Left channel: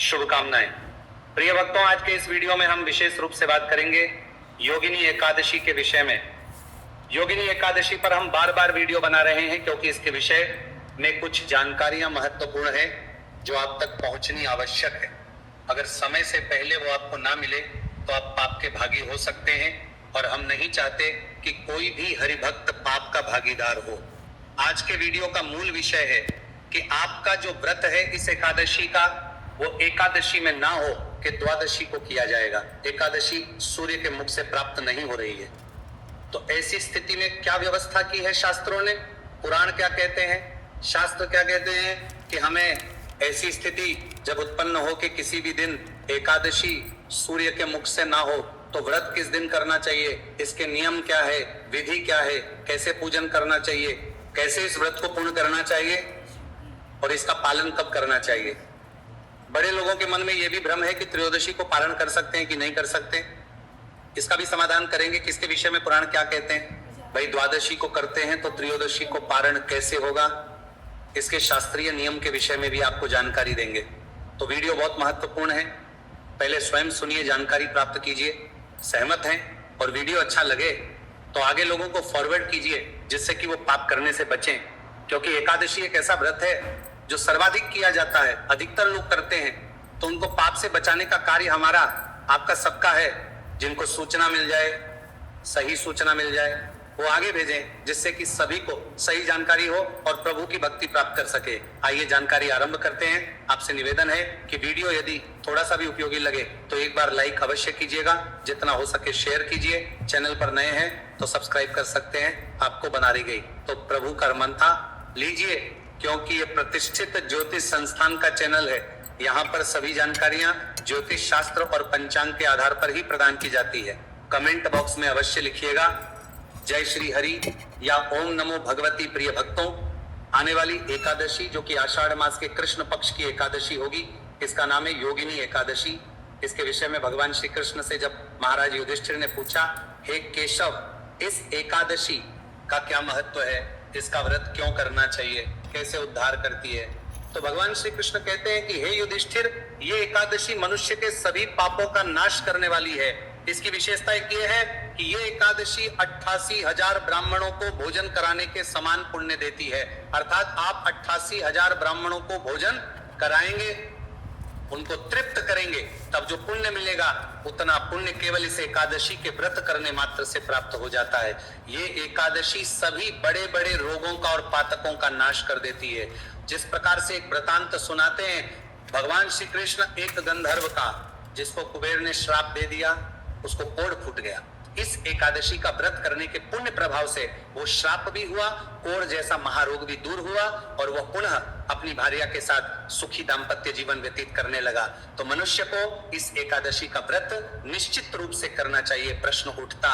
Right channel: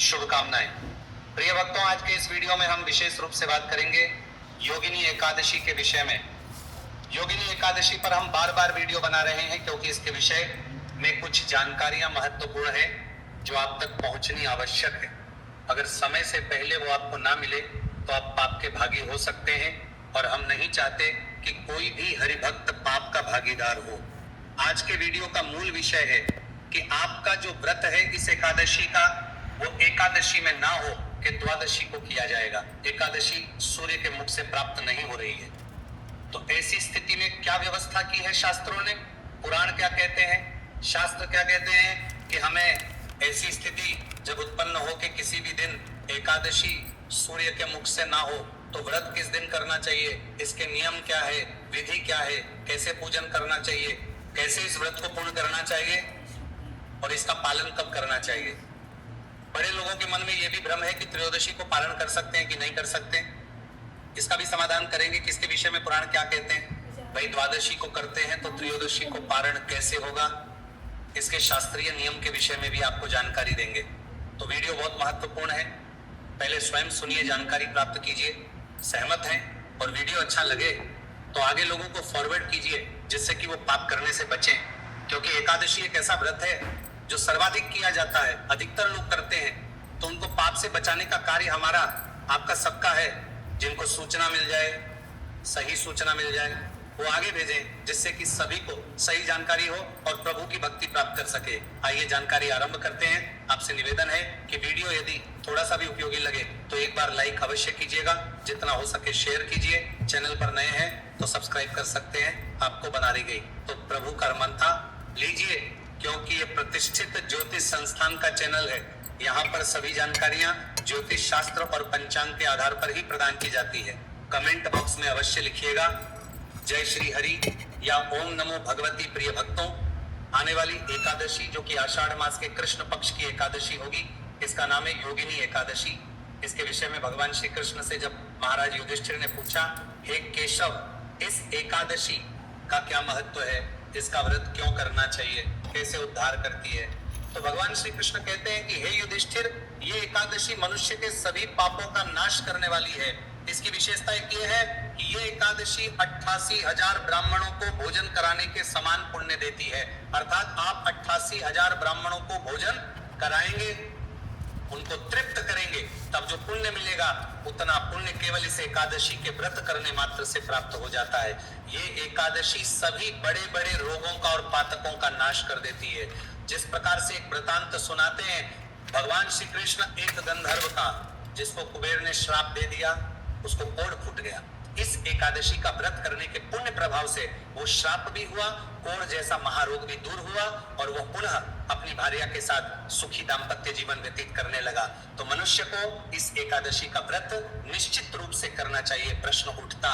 शुभकामनाएं। प्रिय भक्तों, आज के इस वीडियो में हम विशेष रूप से बात करेंगे योगिनी एकादशी के विषय में। योगिनी एकादशी पर हम बार बार वीडियो बना रहे हैं क्योंकि इसके विषय में कुछ जानकारियां महत्वपूर्ण है जो आप तक पहुंचनी आवश्यक है। अगर समय से पहले वो आपको ना मिले तो आप पाप के भागी हो सकते हैं और हम नहीं चाहते कि कोई भी हरिभक्त पाप का भागीदार हो। आज के वीडियो का मूल विषय है कि आपका जो व्रत है इस एकादशी का, वो एकादशी में ना हो कि द्वादशी को किया जाएगा। एकादशी सूर्य के मुख से प्राप्त नहीं हो रही है, तो ऐसी स्थिति में क्या व्यवस्था की है शास्त्रों ने? पुराण क्या कहते हैं, शास्त्र क्या कहते हैं कि हमें ऐसी स्थिति जब उत्पन्न हो कि किसी भी दिन एकादशी सूर्य के मुख से ना हो तो व्रत किस दिन करना चाहिए, इसके नियम क्या है, विधि क्या है, कैसे पूजन करना चाहिए, कैसे इस व्रत को पूर्ण करना चाहिए और इसका पालन कब करना चाहिए। बड़े लोगों के मन में यह भी भ्रम है कि त्रयोदशी को पारण कर सकते हैं कि नहीं कर सकते। इसका भी समाधान करेंगे कि इसके विषय में पुराण क्या कहते हैं। भाई द्वादशी को करते हैं तो त्रयोदशी को पारण कैसे होगा, इसके शास्त्रीय नियम के विषय में भी आपको जानकारी देंगे। तो वीडियो बहुत महत्वपूर्ण है, पहले स्वयं सुनिए, जानकारी प्राप्त कीजिए। सहमत हैं और वीडियो अच्छा लगे तो आगे लोगों को फॉरवर्ड कीजिए जिससे कि वो पाप करने से बचें, क्योंकि एकादशी एक ऐसा व्रत है जो सर्वाधिक किया जाता है, अधिकतर लोग करते हैं। तो उनको पाप से बचाने का कार्य हमारा आपका सबका है। जिनको सूचना मिल जाए, सही सूचना मिल जाए, वो आगे भेजें जिससे कि सभी को सही जानकारी हो और प्रभु की भक्ति प्राप्त कर सके। आइए जानकारी आरंभ करते हैं। आपसे निवेदन है कि वीडियो यदि थोड़ा सा भी उपयोगी लगे तो एक बार लाइक अवश्य कीजिएगा, जितना हो सके शेयर कीजिए। चैनल पर नए हैं तो सब्सक्राइब कर सकते हैं, आपको बना दी गई तो प्रभु का मंथा लीजिए, क्योंकि ये प्रतिष्ठित ज्योतिष संस्थान का चैनल है। यहाँ पर सभी जानकारियां ज्योतिष शास्त्र और पंचांग के आधार पर ही प्रदान की जाती है। कमेंट बॉक्स में अवश्य लिखिएगा जय श्री हरि या ओम नमो भगवती। प्रिय भक्तों, आने वाली एकादशी जो कि आषाढ़ मास के कृष्ण पक्ष की एकादशी होगी, इसका नाम है योगिनी एकादशी। इसके विषय में भगवान श्री कृष्ण से जब महाराज युधिष्ठिर ने पूछा, हे केशव, इस एकादशी का क्या महत्व है, इसका व्रत क्यों करना चाहिए, कैसे उद्धार करती है, तो भगवान श्री कृष्ण कहते हैं कि हे युधिष्ठिर, ये एकादशी मनुष्य के सभी पापों का नाश करने वाली है। इसकी विशेषता एक ये है कि ये एकादशी 88,000 ब्राह्मणों को भोजन कराने के समान पुण्य देती है। अर्थात आप 88,000 ब्राह्मणों को भोजन कराएंगे, उनको तृप्त करेंगे, तब जो पुण्य मिलेगा उतना पुण्य केवल इस एकादशी के व्रत करने मात्र से प्राप्त हो जाता है। ये एकादशी सभी बड़े बड़े रोगों का और पातकों का नाश कर देती है। जिस प्रकार से एक वृतांत सुनाते हैं, भगवान श्री कृष्ण एक गंधर्व का, जिसको कुबेर ने श्राप दे दिया, उसको कोढ़ फूट गया। इस एकादशी का व्रत करने के पुण्य प्रभाव से वो श्राप भी हुआ, कोढ़ जैसा महारोग भी दूर हुआ और वह पुनः अपनी भार्या के साथ सुखी दाम्पत्य जीवन व्यतीत करने लगा। तो मनुष्य को इस एकादशी का व्रत निश्चित रूप से करना चाहिए। प्रश्न उठता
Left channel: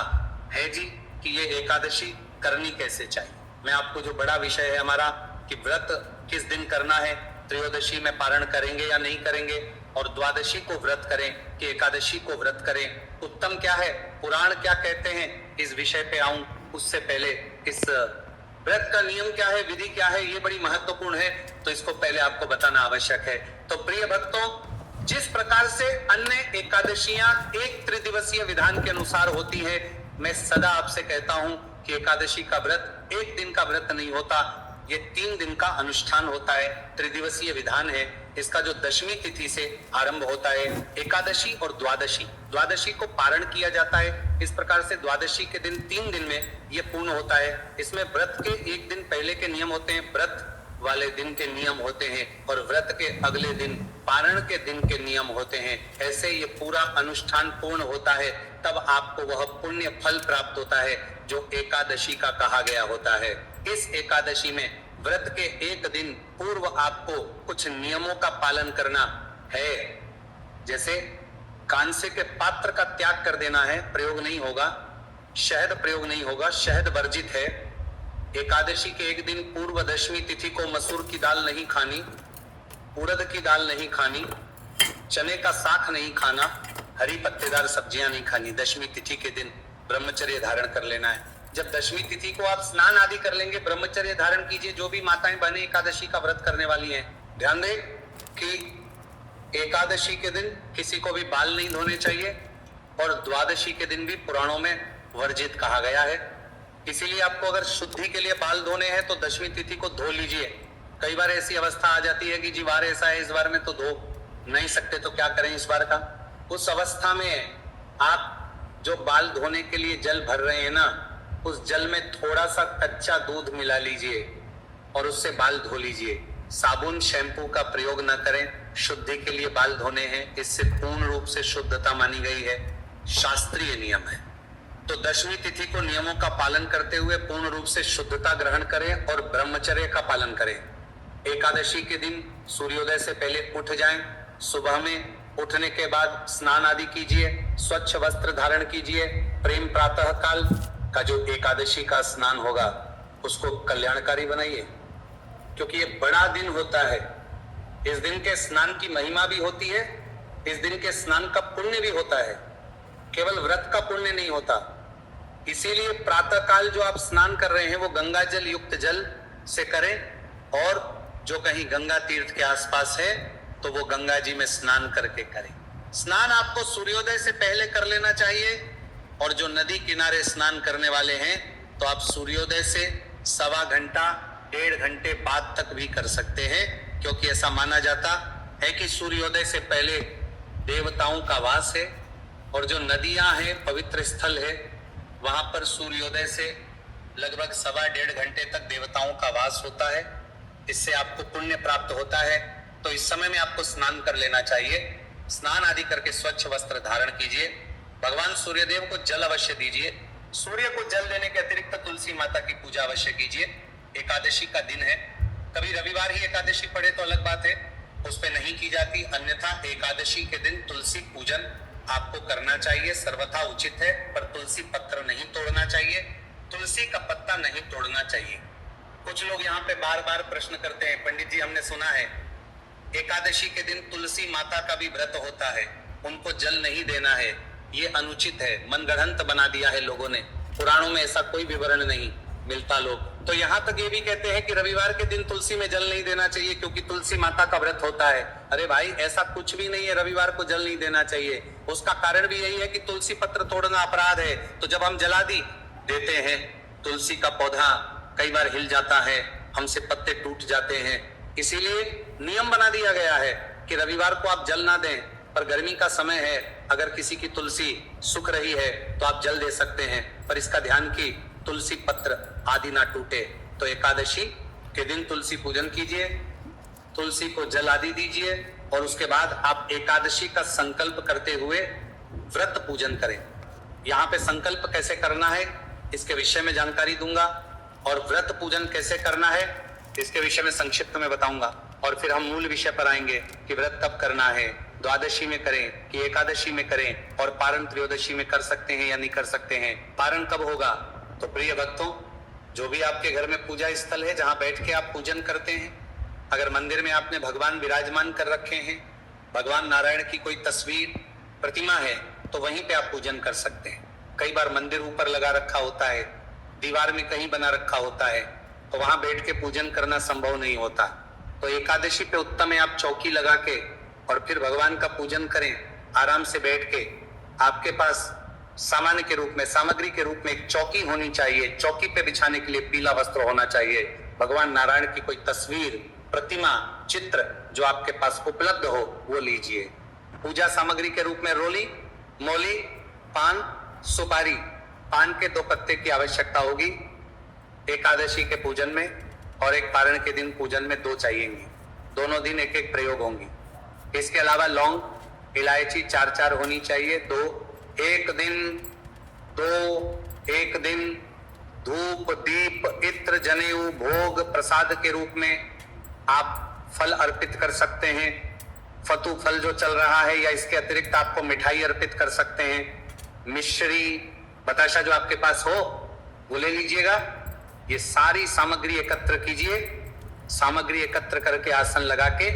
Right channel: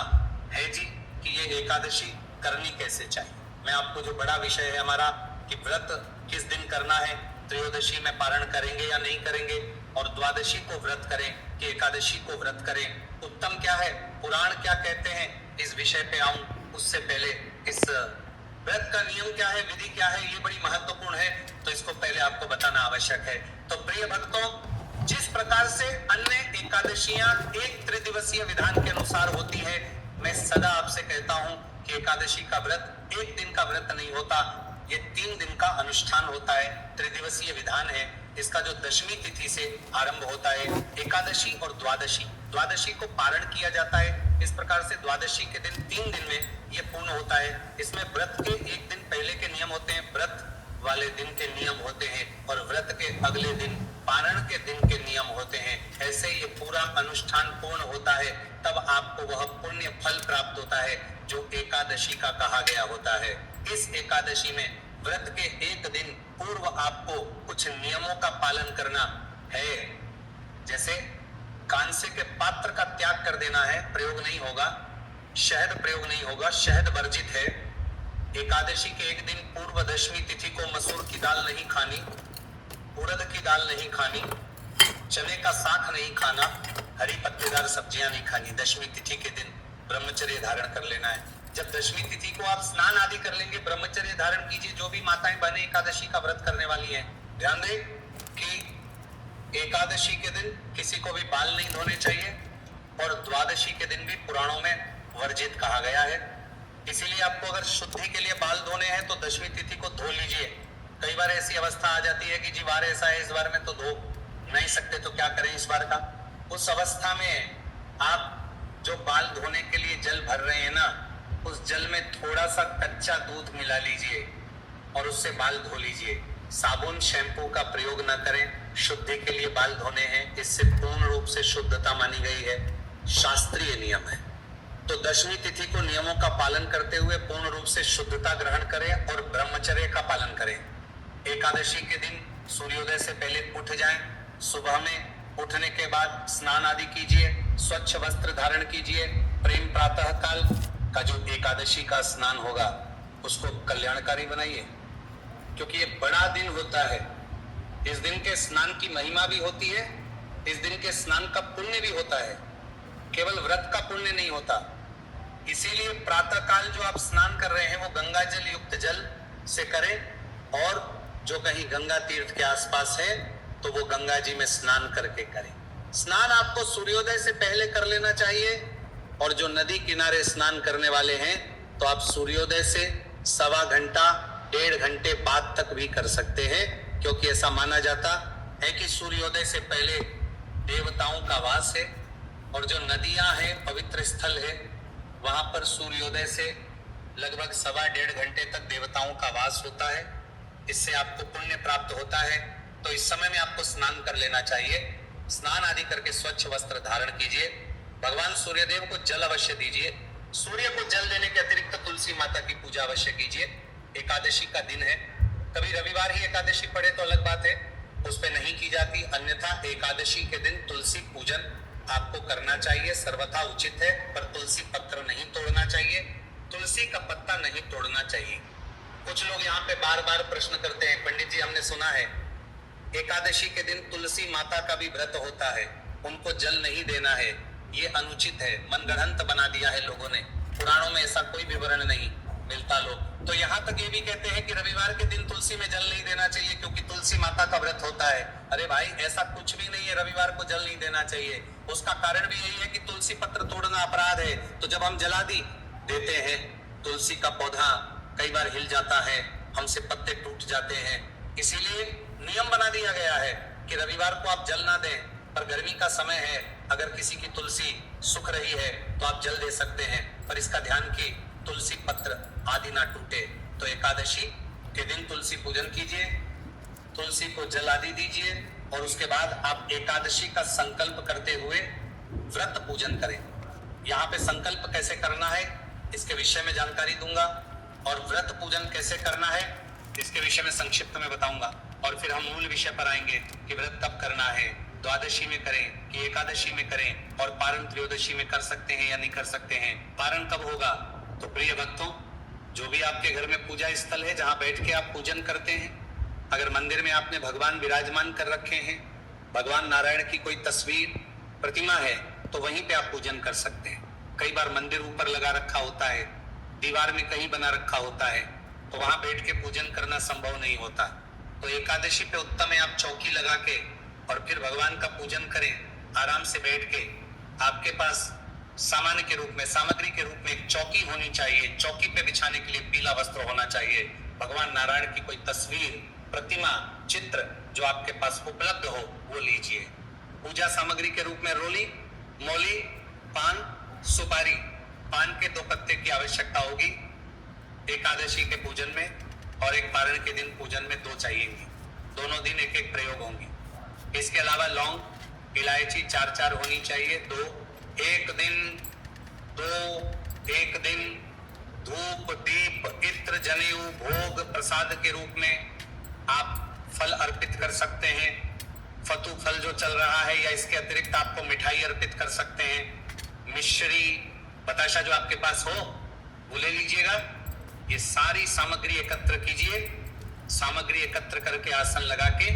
है जी कि ये एकादशी करनी कैसे चाहिए। मैं आपको जो बड़ा विषय है हमारा कि व्रत किस दिन करना है, त्रयोदशी में पारण करेंगे या नहीं करेंगे, और द्वादशी को व्रत करें कि एकादशी को व्रत करें, उत्तम क्या है, पुराण क्या कहते हैं, इस विषय पे आऊं उससे पहले इस व्रत का नियम क्या है, विधि क्या है, ये बड़ी महत्वपूर्ण है, तो इसको पहले आपको बताना आवश्यक है। तो प्रिय भक्तों, जिस प्रकार से अन्य एकादशियां एक त्रिदिवसीय विधान के अनुसार होती है, मैं सदा आपसे कहता हूं कि एकादशी का व्रत एक दिन का व्रत नहीं होता, ये 3 दिन का अनुष्ठान होता है। त्रिदिवसीय विधान है। इसका जो दशमी तिथि से आरंभ होता है, एकादशी और द्वादशी, द्वादशी को पारण किया जाता है। इस प्रकार से द्वादशी के दिन 3 दिन में ये पूर्ण होता है। इसमें व्रत के एक दिन पहले के नियम होते हैं, व्रत वाले दिन के नियम होते हैं, और व्रत के अगले दिन पारण के दिन के नियम होते हैं। ऐसे ये पूरा अनुष्ठान पूर्ण होता है, तब आपको वह पुण्य फल प्राप्त होता है जो एकादशी का कहा गया होता है। इस एकादशी में व्रत के एक दिन पूर्व आपको कुछ नियमों का पालन करना है। जैसे कांसे के पात्र का त्याग कर देना है, प्रयोग नहीं होगा, शहद प्रयोग नहीं होगा, शहद वर्जित है। एकादशी के एक दिन पूर्व दशमी तिथि को मसूर की दाल नहीं खानी, उड़द की दाल नहीं खानी, चने का साग नहीं खाना, हरी पत्तेदार सब्जियां नहीं खानी। दशमी तिथि के दिन ब्रह्मचर्य धारण कर लेना है। जब दशमी तिथि को आप स्नान आदि कर लेंगे, ब्रह्मचर्य धारण कीजिए। जो भी माताएं बहनें एकादशी का व्रत करने वाली हैं, ध्यान दें कि एकादशी के दिन किसी को भी बाल नहीं धोने चाहिए और द्वादशी के दिन भी पुराणों में वर्जित कहा गया है। इसीलिए आपको अगर शुद्धि के लिए बाल धोने हैं तो दशमी तिथि को धो लीजिए। कई बार ऐसी अवस्था आ जाती है कि जी वार ऐसा है, इस बार में तो धो नहीं सकते, तो क्या करें इस बार का। उस अवस्था में आप जो बाल धोने के लिए जल भर रहे हैं ना, उस जल में थोड़ा सा कच्चा दूध मिला लीजिए और उससे बाल धो लीजिए। साबुन शैम्पू का प्रयोग न करें। शुद्धि के लिए बाल धोने हैं, इससे पूर्ण रूप से शुद्धता मानी गई है, शास्त्रीय नियम है। तो दशमी तिथि को नियमों का पालन करते हुए पूर्ण रूप से शुद्धता ग्रहण करें और ब्रह्मचर्य का पालन करें। एकादशी के दिन सूर्योदय से पहले उठ जाएं। सुबह में उठने के बाद स्नान आदि कीजिए, स्वच्छ वस्त्र धारण कीजिए। प्रेम प्रातः काल का जो एकादशी का स्नान होगा उसको कल्याणकारी बनाइए, क्योंकि ये बड़ा दिन होता है। इस दिन के स्नान की महिमा भी होती है, इस दिन के स्नान का पुण्य भी होता है, केवल व्रत का पुण्य नहीं होता। इसीलिए प्रातः काल जो आप स्नान कर रहे हैं वो गंगा जल युक्त जल से करें, और जो कहीं गंगा तीर्थ के आसपास है तो वो गंगा जी में स्नान करके करें। स्नान आपको सूर्योदय से पहले कर लेना चाहिए, और जो नदी किनारे स्नान करने वाले हैं तो आप सूर्योदय से 1.25 घंटा 1.5 घंटे बाद तक भी कर सकते हैं, क्योंकि ऐसा माना जाता है कि सूर्योदय से पहले देवताओं का वास है, और जो नदियां हैं, पवित्र स्थल है, वहां पर सूर्योदय से लगभग 1.25 घंटे तक देवताओं का वास होता है। इससे आपको पुण्य प्राप्त होता है। तो इस समय में आपको स्नान कर लेना चाहिए। स्नान आदि करके स्वच्छ वस्त्र धारण कीजिए। भगवान सूर्यदेव को जल अवश्य दीजिए। सूर्य को जल देने के अतिरिक्त तुलसी माता की पूजा अवश्य कीजिए। एकादशी का दिन है, कभी रविवार ही एकादशी पड़े तो अलग बात है, उस पर नहीं की जाती, अन्यथा एकादशी के दिन तुलसी पूजन आपको करना चाहिए, सर्वथा उचित है। पर तुलसी पत्र नहीं तोड़ना चाहिए, तुलसी का पत्ता नहीं तोड़ना चाहिए। कुछ लोग यहाँ पे बार बार प्रश्न करते हैं, पंडित जी हमने सुना है एकादशी के दिन तुलसी माता का भी व्रत होता है, उनको जल नहीं देना है, ये अनुचित है, मनगढ़ंत बना दिया है लोगों ने, पुराणों में ऐसा कोई विवरण नहीं मिलता। लोग तो यहाँ तक ये भी कहते हैं कि रविवार के दिन तुलसी में जल नहीं देना चाहिए क्योंकि तुलसी माता का व्रत होता है। अरे भाई, ऐसा कुछ भी नहीं है, रविवार को जल नहीं देना चाहिए। उसका कारण भी यही है कि तुलसी पत्र तोड़ना अपराध है। तो जब हम जला देते हैं, तुलसी का पौधा कई बार हिल जाता है, हमसे पत्ते टूट जाते हैं, इसीलिए नियम बना दिया गया है कि रविवार को आप जल ना दें। पर गर्मी का समय है, अगर किसी की तुलसी सूख रही है तो आप जल दे सकते हैं, पर इसका ध्यान कि तुलसी पत्र आदि ना टूटे। तो एकादशी के दिन तुलसी पूजन कीजिए, तुलसी को जल आदि दीजिए, और उसके बाद आप एकादशी का संकल्प करते हुए व्रत पूजन करें। यहाँ पे संकल्प कैसे करना है इसके विषय में जानकारी दूंगा, और व्रत पूजन कैसे करना है इसके विषय में संक्षिप्त में बताऊंगा, और फिर हम मूल विषय पर आएंगे कि व्रत कब करना है, द्वादशी में करें कि एकादशी में करें, और पारण त्रयोदशी में कर सकते हैं या नहीं कर सकते हैं, पारण कब होगा। तो प्रिय भक्तों, जो भी आपके घर में पूजा स्थल है जहाँ बैठ के आप पूजन करते हैं, अगर मंदिर में आपने भगवान विराजमान कर रखे हैं, भगवान नारायण की कोई तस्वीर प्रतिमा है, तो वहीं पे आप पूजन कर सकते हैं। कई बार मंदिर ऊपर लगा रखा होता है, दीवार में कहीं बना रखा होता है, तो वहां बैठ के पूजन करना संभव नहीं होता। तो एकादशी पे उत्तम है आप चौकी लगा के और फिर भगवान का पूजन करें आराम से बैठ के। आपके पास सामान्य के रूप में, सामग्री के रूप में एक चौकी होनी चाहिए, चौकी पे बिछाने के लिए पीला वस्त्र होना चाहिए, भगवान नारायण की कोई तस्वीर, प्रतिमा, चित्र जो आपके पास उपलब्ध हो वो लीजिए। पूजा सामग्री के रूप में रोली, मौली, पान, सुपारी, पान के 2 पत्ते की आवश्यकता होगी एकादशी के पूजन में, और एक पारण के दिन पूजन में 2 चाहिएंगी, दोनों दिन एक एक प्रयोग होंगी। इसके अलावा लौंग, इलायची 4-4 होनी चाहिए, 2 एक दिन धूप, दीप, इत्र, जनेऊ, भोग, प्रसाद के रूप में आप फल अर्पित कर सकते हैं। फतू फल जो चल रहा है, या इसके अतिरिक्त आपको मिठाई अर्पित कर सकते हैं। मिश्री, बताशा जो आपके पास हो वो ले लीजिएगा। ये सारी सामग्री एकत्र कीजिए, सामग्री एकत्र करके आसन लगा के,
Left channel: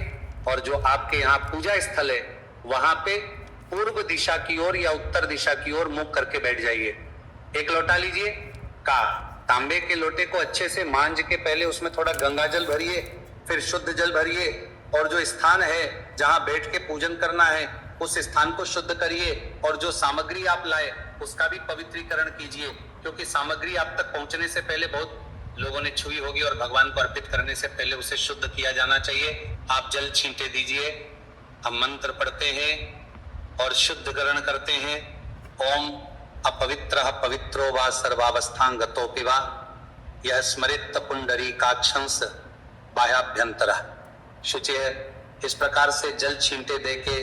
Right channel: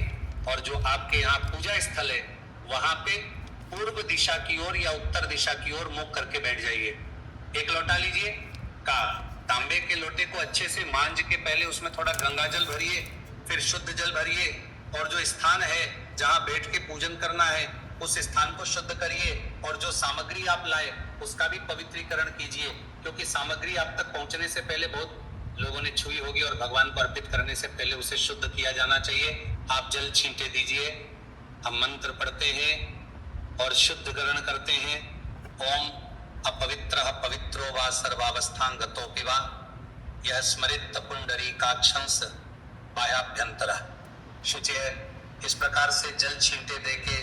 और जो आपके यहाँ पूजा स्थल है वहां पे पूर्व दिशा की ओर या उत्तर दिशा की ओर मुख करके बैठ जाइए। एक लोटा लीजिए का तांबे के लोटे को अच्छे से मांज के पहले उसमें थोड़ा गंगा जल भरिए, फिर शुद्ध जल भरिए, और जो स्थान है जहां बैठ के पूजन करना है उस स्थान को शुद्ध करिए और जो सामग्री आप लाए उसका भी पवित्रीकरण कीजिए, क्योंकि सामग्री आप तक पहुंचने से पहले बहुत लोगों ने छुई होगी और भगवान को अर्पित करने से पहले उसे शुद्ध किया जाना चाहिए। आप जल छींटे दीजिए, हम मंत्र पढ़ते हैं और शुद्धकरण करते हैं। ओम अपवित्रः पवित्रो वा सर्वावस्थांगतोऽपि वा यह स्मरित पुंडरीकाक्षंस बाह्याभ्यंतरः शुचिः। इस प्रकार से जल छींटे देके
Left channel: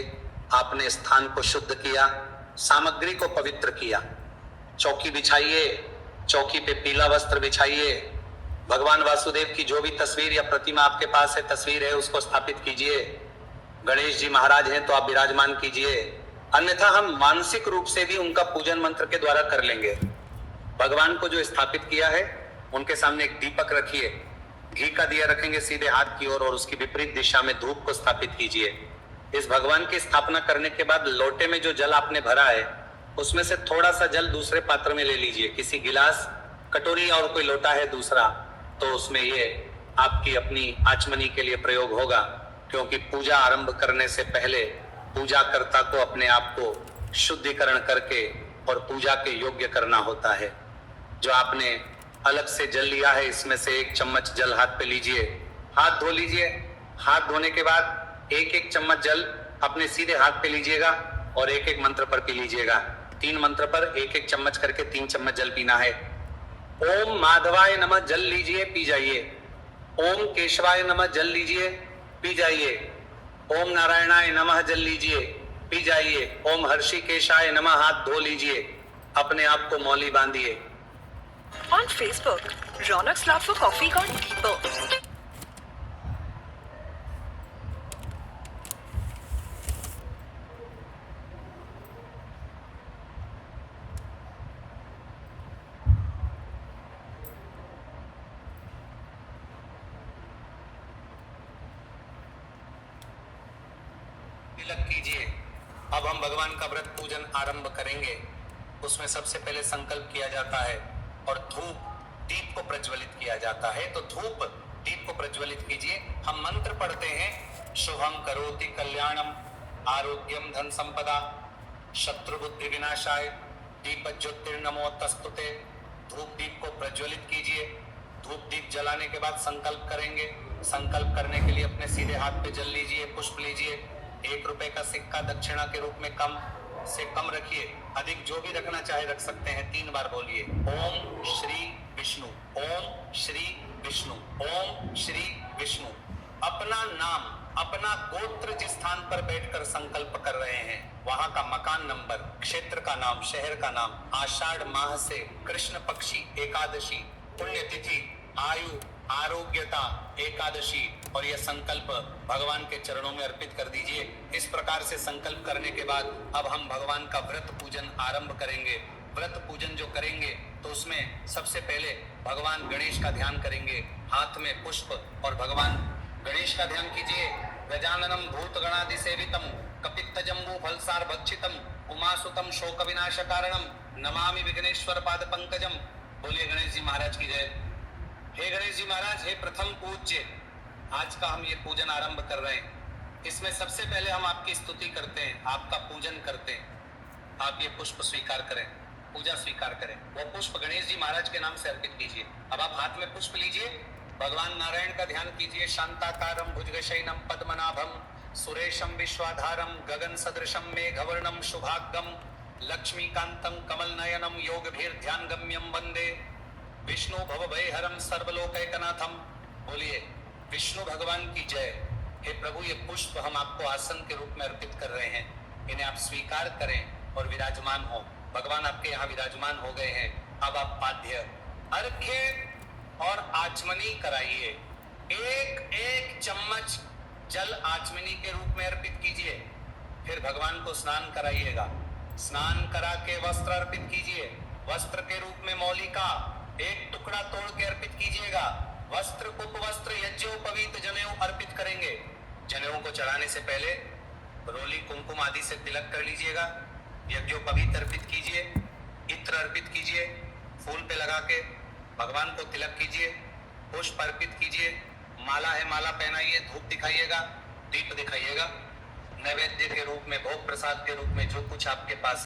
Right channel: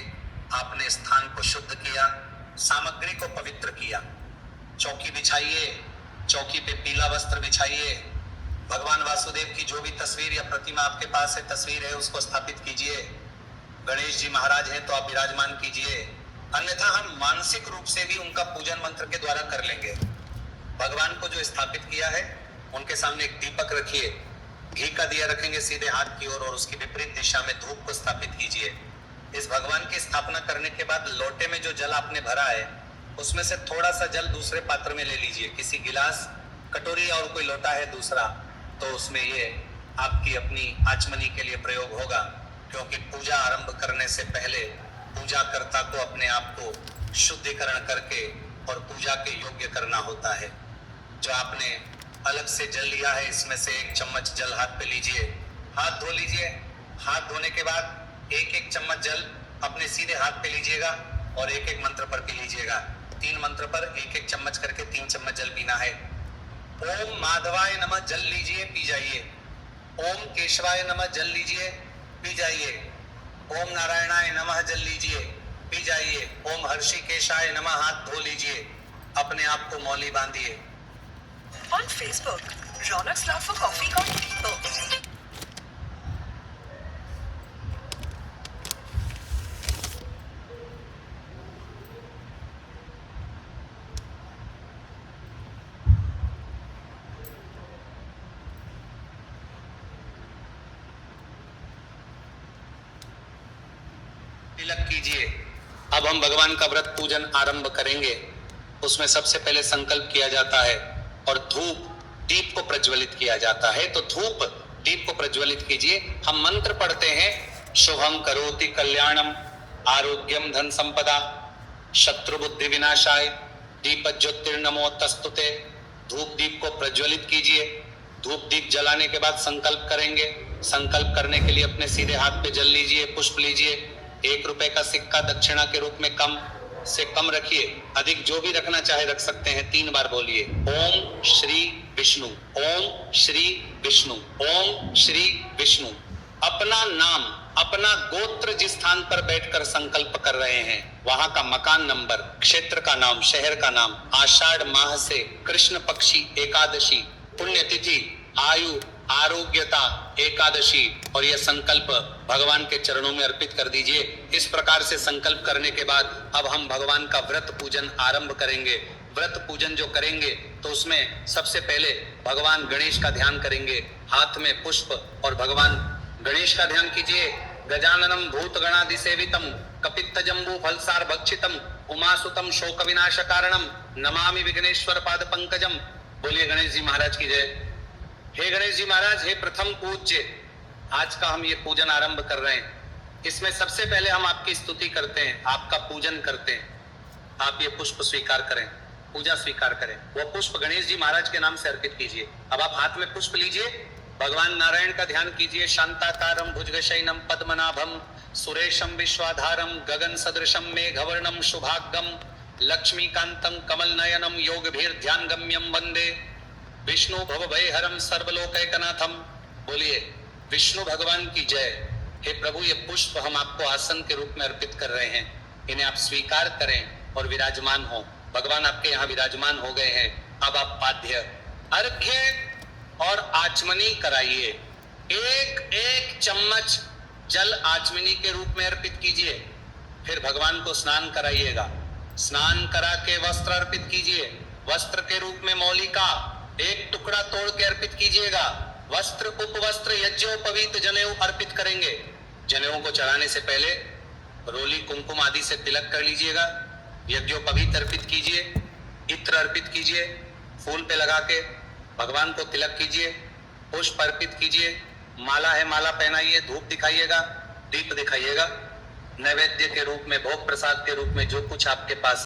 आपने स्थान को शुद्ध किया, सामग्री को पवित्र किया। चौकी बिछाइए, चौकी पे पीला वस्त्र बिछाइए, भगवान वासुदेव की जो भी तस्वीर या प्रतिमा आपके पास है, तस्वीर है, उसको स्थापित कीजिए। गणेश जी महाराज हैं तो आप विराजमान कीजिए, अन्यथा हम मानसिक रूप से भी उनका पूजन मंत्र के द्वारा कर लेंगे। भगवान को जो स्थापित किया है उनके सामने एक दीपक रखिए, घी का दिया रखेंगे सीधे हाथ की ओर और उसकी विपरीत दिशा में धूप को स्थापित कीजिए। इस भगवान की स्थापना करने के बाद लोटे में जो जल आपने भरा है उसमें से थोड़ा सा जल दूसरे पात्र में ले लीजिए, किसी गिलास, कटोरी और कोई लोटा है दूसरा, तो उसमें ये आपकी अपनी आचमनी के लिए प्रयोग होगा, क्योंकि पूजा आरंभ करने से पहले पूजा कर्ता को अपने आप को शुद्धिकरण करके और पूजा के योग्य करना होता है। जो आपने अलग से जल लिया है इसमें से एक चम्मच जल हाथ पे लीजिए, हाथ धो लीजिए। हाथ धोने के बाद एक एक चम्मच जल अपने सीधे हाथ पे लीजिएगा और एक एक मंत्र पर पी लीजिएगा। 3 मंत्र पर एक एक चम्मच करके 3 चम्मच जल पीना है। ओम माधवाय नमः जल लीजिए, पी जाइए। ओम केशवाय नमः जल लीजिए, पी जाइए। ओम नारायणाय नमः जल लीजिए, पी जाइए। ओम हर्षिकेशाय नमः हाथ धो लीजिए, अपने आप को मौली बांधिए। On Facebook, Ronak's love for coffee got deeper. तिलक कीजिए। अब हम भगवान का व्रत पूजन आरंभ करेंगे। उसमें सबसे पहले संकल्प किया जाता है और धूप दीप को प्रज्वलित किया जाता है। तो धूप दीप को प्रज्वलित कीजिए। हम मंत्र पढ़ते हैं, शुभम करोति कल्याणम आरोग्यम धन संपदा शत्रु बुद्धि विनाशाय दीप ज्योतिर्नमो तस्तुते। धूप दीप को प्रज्वलित कीजिए। धूप दीप जलाने के बाद संकल्प करेंगे। संकल्प करने के लिए अपने सीधे हाथ पे जल लीजिए, पुष्प लीजिए। 1 रुपए का सिक्का दक्षिणा के रूप में कम से कम रखिए, अधिक जो भी रखना चाहे रख सकते हैं। 3 बार बोलिए, ओम श्री विष्णु, ओम श्री विष्णु, ओम श्री विष्णु। अपना नाम, अपना गोत्र जिस स्थान पर बैठकर संकल्प कर रहे हैं वहां का मकान नंबर, क्षेत्र का नाम, शहर का नाम, आषाढ़ माह से कृष्ण पक्षी एकादशी, पुण्यतिथि, आयु, आरोग्यता एकादशी और यह संकल्प भगवान के चरणों में अर्पित कर दीजिए। इस प्रकार से संकल्प करने के बाद अब हम भगवान का व्रत पूजन आरंभ करेंगे। व्रत पूजन जो करेंगे तो उसमें सबसे पहले भगवान गणेश का ध्यान करेंगे। हाथ में पुष्प और भगवान गणेश का ध्यान कीजिए। गजाननम भूत गणादि सेवितम कपित्त जम्बू फलसार भक्षितम उमासुतम शोक विनाश कारणम नमामि विघ्नेश्वर पाद पंकजम। बोलिए गणेश जी महाराज की जय। हे गणेश जी महाराज, हे प्रथम पूज्य, आज का हम ये पूजन आरंभ कर रहे हैं। इसमें सबसे पहले हम आपकी स्तुति करते हैं, आपका पूजन करते हैं। आप ये पुष्प स्वीकार करें, पूजा स्वीकार करें। वो पुष्प गणेश जी महाराज के नाम से अर्पित कीजिए। अब आप हाथ में पुष्प लीजिए, भगवान नारायण का ध्यान कीजिए। शांताकारम भुजगशयनम पद्मनाभम सुरेशम विश्वाधारम गगन सदृशम मेघवर्णम शुभागम लक्ष्मीकांतम कमल नयनम योग भीर ध्यान गम्यम वंदे विष्णु भव भयहरम सर्वलोकैकनाथम। बोलिए विष्णु भगवान की जय। हे प्रभु, ये पुष्प हम आपको आसन के रूप में अर्पित कर रहे हैं, इन्हें आप स्वीकार करें और विराजमान हो। भगवान आपके यहाँ विराजमान हो गए हैं। अब आप पाद्य अर्घ्य और आचमनी कराइए। एक एक चम्मच जल आचमनी के रूप में अर्पित कीजिए। फिर भगवान को स्नान कराइएगा। स्नान करा के वस्त्र अर्पित कीजिए। वस्त्र के रूप में मौली का एक टुकड़ा तोड़ के अर्पित कीजिएगा। वस्त्र उपवस्त्र यज्ञोपवीत जनेऊ अर्पित करेंगे। जनेऊ को चढ़ाने से पहले रोली कुमकुम आदि से तिलक कर लीजिएगा। यज्ञोपवीत अर्पित कीजिए, इत्र अर्पित कीजिए, फूल पे लगा के भगवान को तिलक कीजिए, पुष्प अर्पित कीजिए, माला है माला पहनाइए, धूप दिखाइएगा, दीप दिखाइएगा। नैवेद्य के रूप में, भोग प्रसाद के रूप में जो कुछ आपके पास